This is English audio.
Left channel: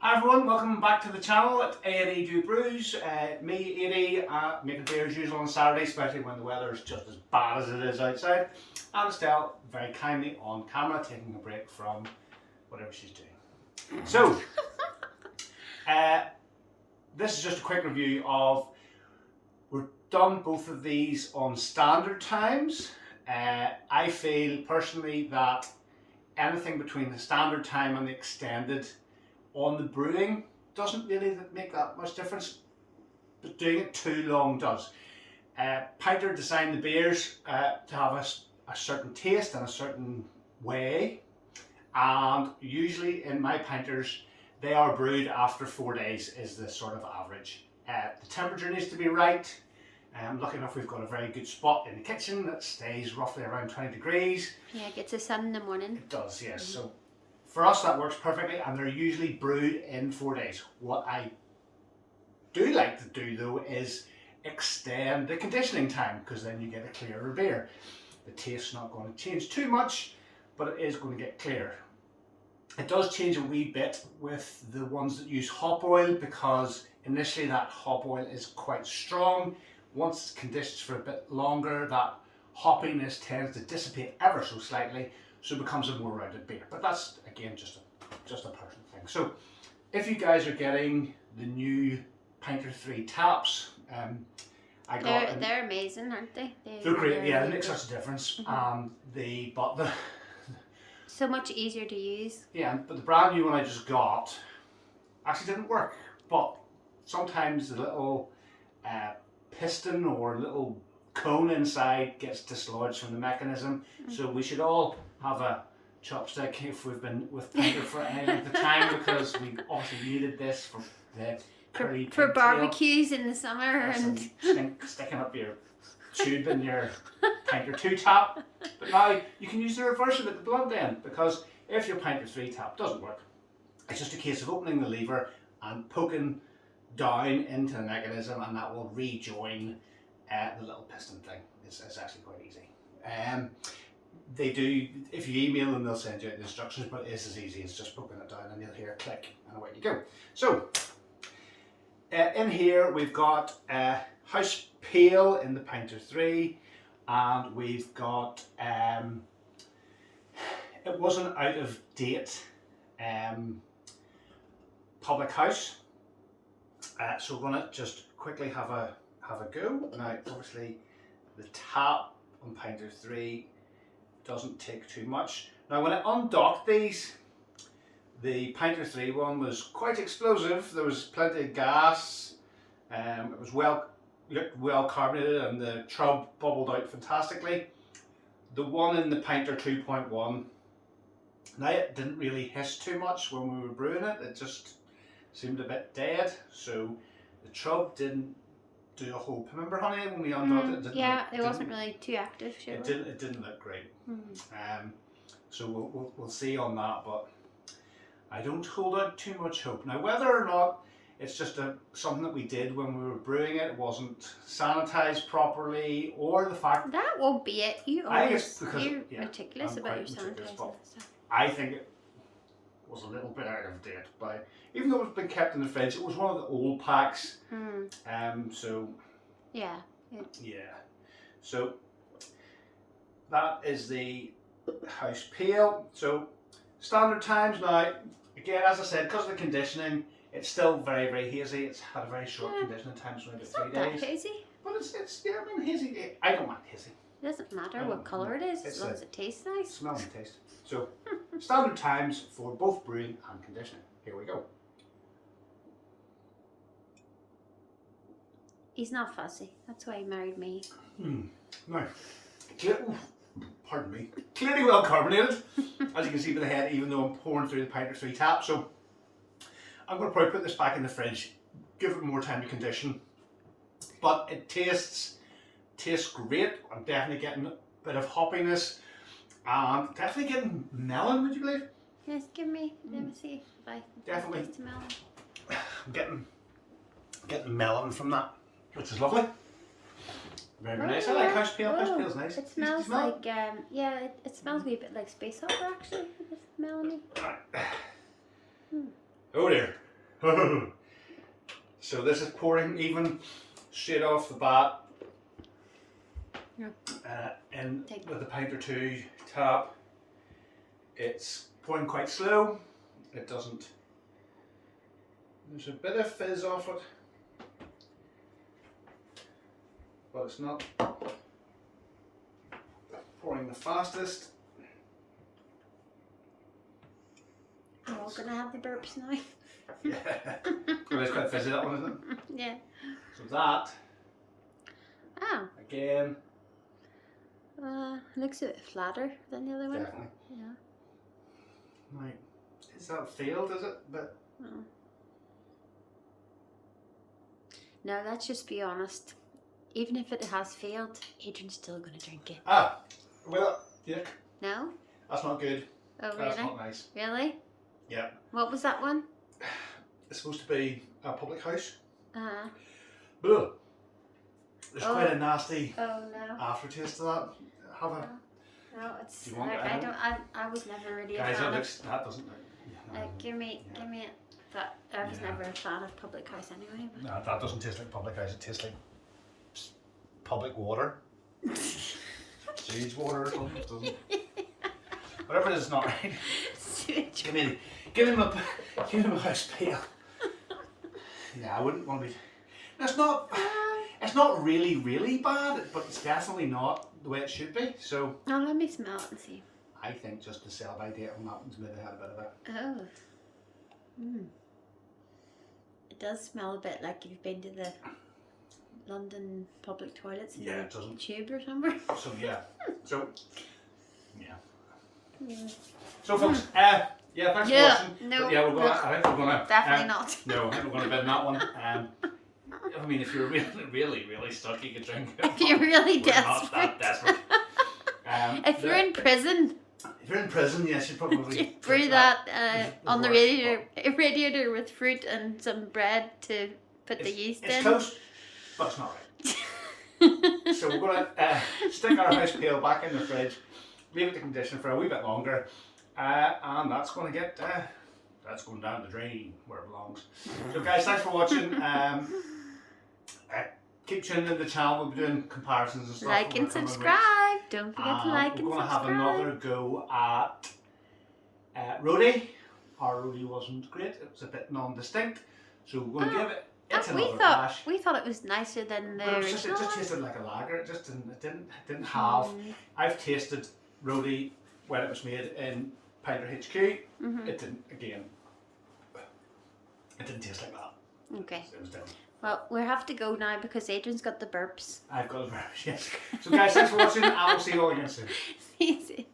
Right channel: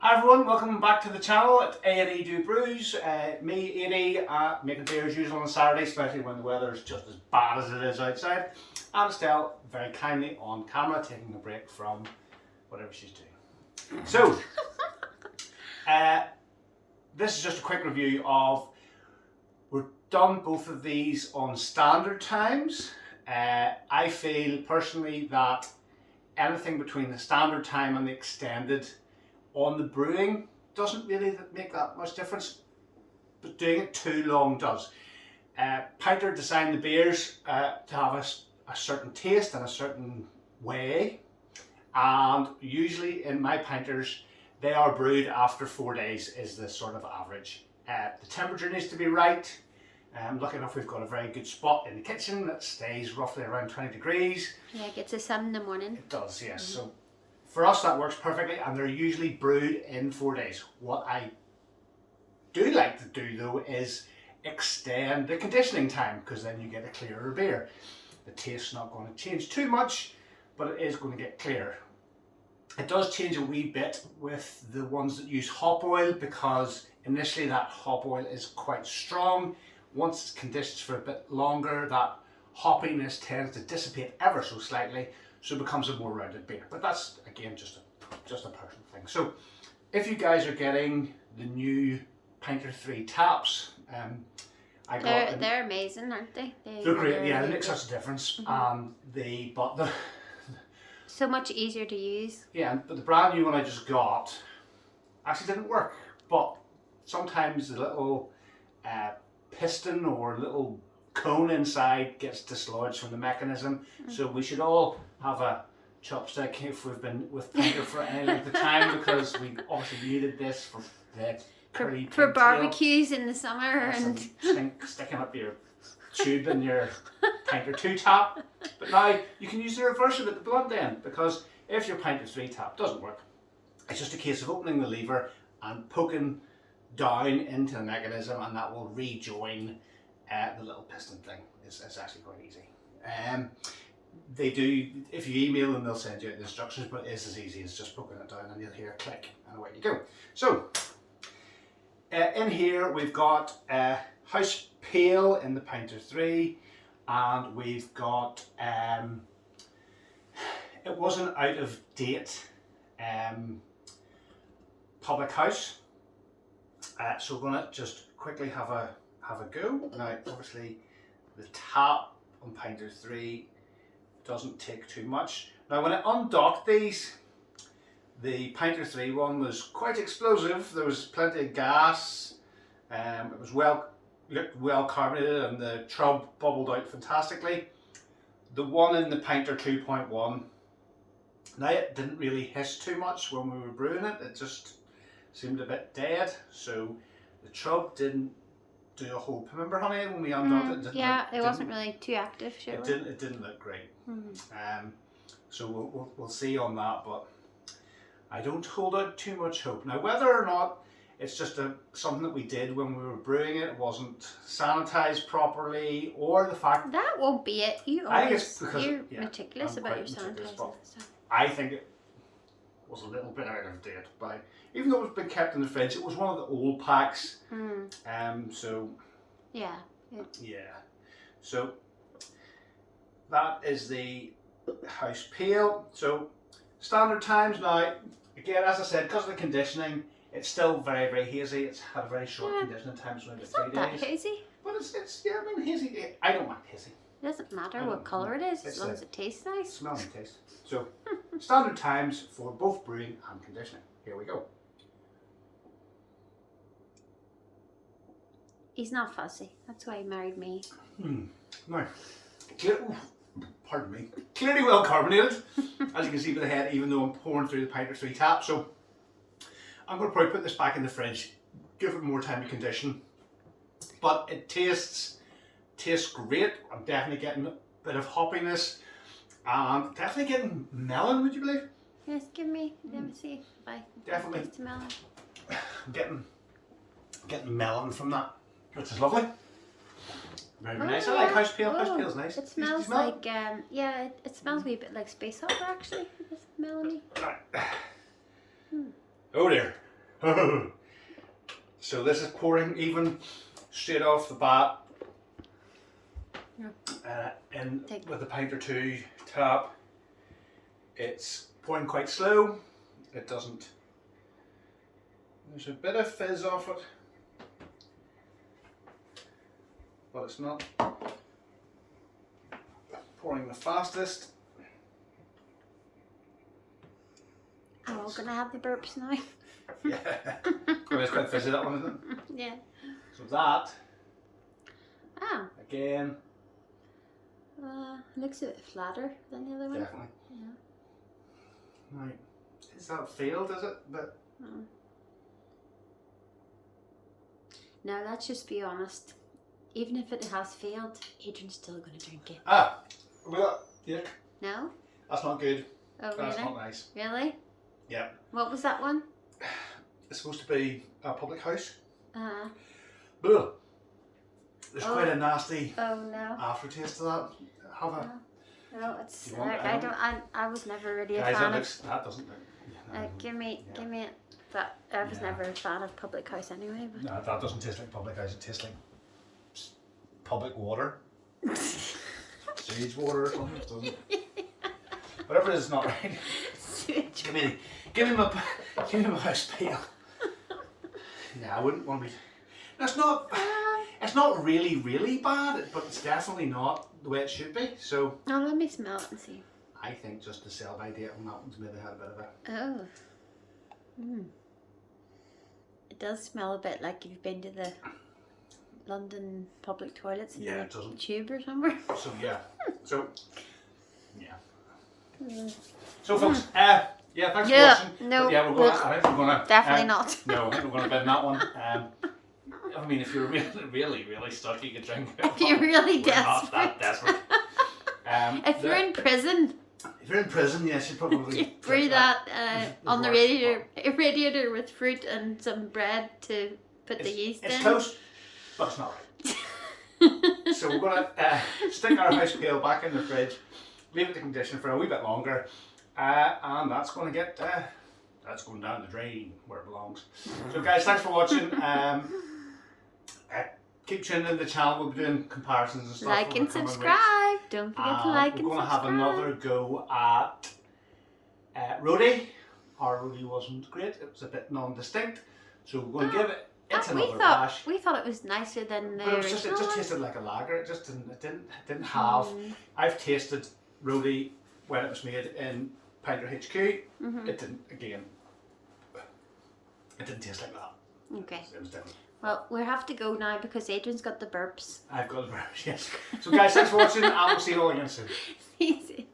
Hi everyone, welcome back to the channel at A&E Do Brews. Me, A&E, making beer as usual on Saturday, especially when the weather is just as bad as it is outside. And Estelle, very kindly on camera, taking a break from whatever she's doing. So, this is just a quick review of, we've done both of these on standard times. I feel personally that anything between the standard time and the extended on the brewing doesn't really make that much difference, but doing it too long does. Pinter designed the beers to have a certain taste and a certain way, and usually in my pinters they are brewed after 4 days is the sort of average. The temperature needs to be right. Lucky enough we've got a very good spot in the kitchen that stays roughly around 20 degrees. Yeah, it gets the sun in the morning. It does, yes. So for us that works perfectly, and they're usually brewed in 4 days. What I do like to do though is extend the conditioning time, because then you get a clearer beer. The taste's not going to change too much, but it is going to get clearer. It does change a wee bit with the ones that use hop oil, because initially that hop oil is quite strong. Once it's conditioned for a bit longer, that hoppiness tends to dissipate ever so slightly, so it becomes a more rounded beer. But that's again just a personal thing. So if you guys are getting the new Pinter 3 taps, They're amazing, aren't they? They're great. Yeah, they make such a difference. But the so much easier to use. Yeah, but the brand new one I just got actually didn't work. But sometimes the little piston or little cone inside gets dislodged from the mechanism. So we should all have a chopstick if we've been with Pinter for any length of time, because we obviously needed this for the curly for pigtail. barbecues in the summer and sticking up your tube in your Pinter 2 tap. But now you can use the reverse of it, the blunt end, because if your Pinter 3 tap doesn't work, it's just a case of opening the lever and poking down into the mechanism, and that will rejoin the little piston thing. It's actually quite easy. They do, if you email them, they'll send you out the instructions, but it is as easy as just poking it down and you'll hear a click and away you go. So in here we've got house pale in the Pinter 3, and we've got it wasn't out of date public house, so we're going to just quickly have a go. Now obviously the tap on Pinter 3 doesn't take too much. Now when I undocked these, the Pinter 3 one was quite explosive. There was plenty of gas. It was looked well carbonated, and the trub bubbled out fantastically. The one in the Pinter 2.1, now it didn't really hiss too much when we were brewing it. It just seemed a bit dead. So the trub didn't do a whole. Remember, honey, when we undocked it? It wasn't really too active. Sure. It didn't look great. So we'll see on that, but I don't hold out too much hope. Now whether or not it's just something that we did when we were brewing it, it wasn't sanitized properly, or the fact that won't be it. You're meticulous about your sanitizing stuff. stuff. I think it was a little bit out of date, but even though it's been kept in the fridge, it was one of the old packs. So yeah. So that is the house pale. So standard times now, again, as I said, because of the conditioning, it's still very, very hazy. It's had a very short conditioning time, so maybe 3 days. That hazy. But it's yeah, I mean hazy. I don't mind hazy. It doesn't matter what colour it is, as long as it tastes nice. Smell and taste. So standard times for both brewing and conditioning. Here we go. He's not fussy. That's why he married me. Now, pardon me. Clearly well carbonated, as you can see by the head, even though I'm pouring through the Pinter 3 tap. So I'm going to probably put this back in the fridge, give it more time to condition. But it tastes great. I'm definitely getting a bit of hoppiness, and definitely getting melon. Would you believe? Yes, let me see if I definitely taste the melon. I'm getting melon from that, which is lovely. Very, very nice. I like house pale. House pale's nice. It smells like it smells a wee bit like space opera actually. This melony. Oh dear. So this is pouring even straight off the bat. Yeah. In with a pint or two tap. It's pouring quite slow. It doesn't. There's a bit of fizz off it, but it's not pouring the fastest. Oh, we're gonna have the burps now. Yeah, well, it's quite fizzy, that one, isn't it? Yeah. So that, Oh. again, looks a bit flatter than the other one. definitely. Yeah. Right, is that failed? Is it? But Oh. No, let's just be honest. Even if it has failed, Adrian's still gonna drink it. well, yeah, No? that's not good. Oh, really? That's not nice. Really? Yeah, What was that one? it's supposed to be a public house. Uh-huh. Ugh. There's quite a nasty Oh, no. aftertaste to that. Have a No, it's. Do you want Like, it? I was never really a guys. fan That doesn't look. give me it. But I was never a fan of public house anyway. No, that doesn't taste like public house. It tastes like public water, sewage water or something. It doesn't. Whatever it is, it's not right. give me my house pail. Yeah, I wouldn't want to be. It's not. It's not really bad, but it's definitely not the way it should be. So. Oh, let me smell it and see. I think just the sell by date on that one's maybe had a bit of a. Oh. It does smell a bit like you've been to the London public toilets in Yeah, it doesn't. Tube or somewhere. So yeah. So folks, yeah, thanks for watching. No, but yeah, we're gonna. I think we're gonna. Definitely not. No, I think we're gonna bin that one. I mean, if you're really stuck, you could drink it. If you're really We're not desperate. that desperate. If you're in prison, If you're in prison, yes, you probably you brew that on the radiator with fruit and some bread to put the yeast in. It's close, but it's not right. So we're gonna stick our house pail back in the fridge, leave it to condition for a wee bit longer, and that's going to get that's going down the drain where it belongs. So guys, thanks for watching. Keep tuning in the channel. We'll be doing comparisons and stuff. Like and subscribe. Don't forget to like and We're going to have subscribe. another go at roadie. Our roadie wasn't great. It was a bit non-distinct. So we're going to give it. It's another bash. We thought it was nicer than the But original it just one. tasted like a lager. It just didn't have. I've tasted roadie when it was made in Pinter HQ. It didn't taste like that. Okay. It was different. Well, we have to go now because Adrian's got the burps. I've got a version. Yes. So guys, thanks for watching, and we'll see you all again soon. See you soon.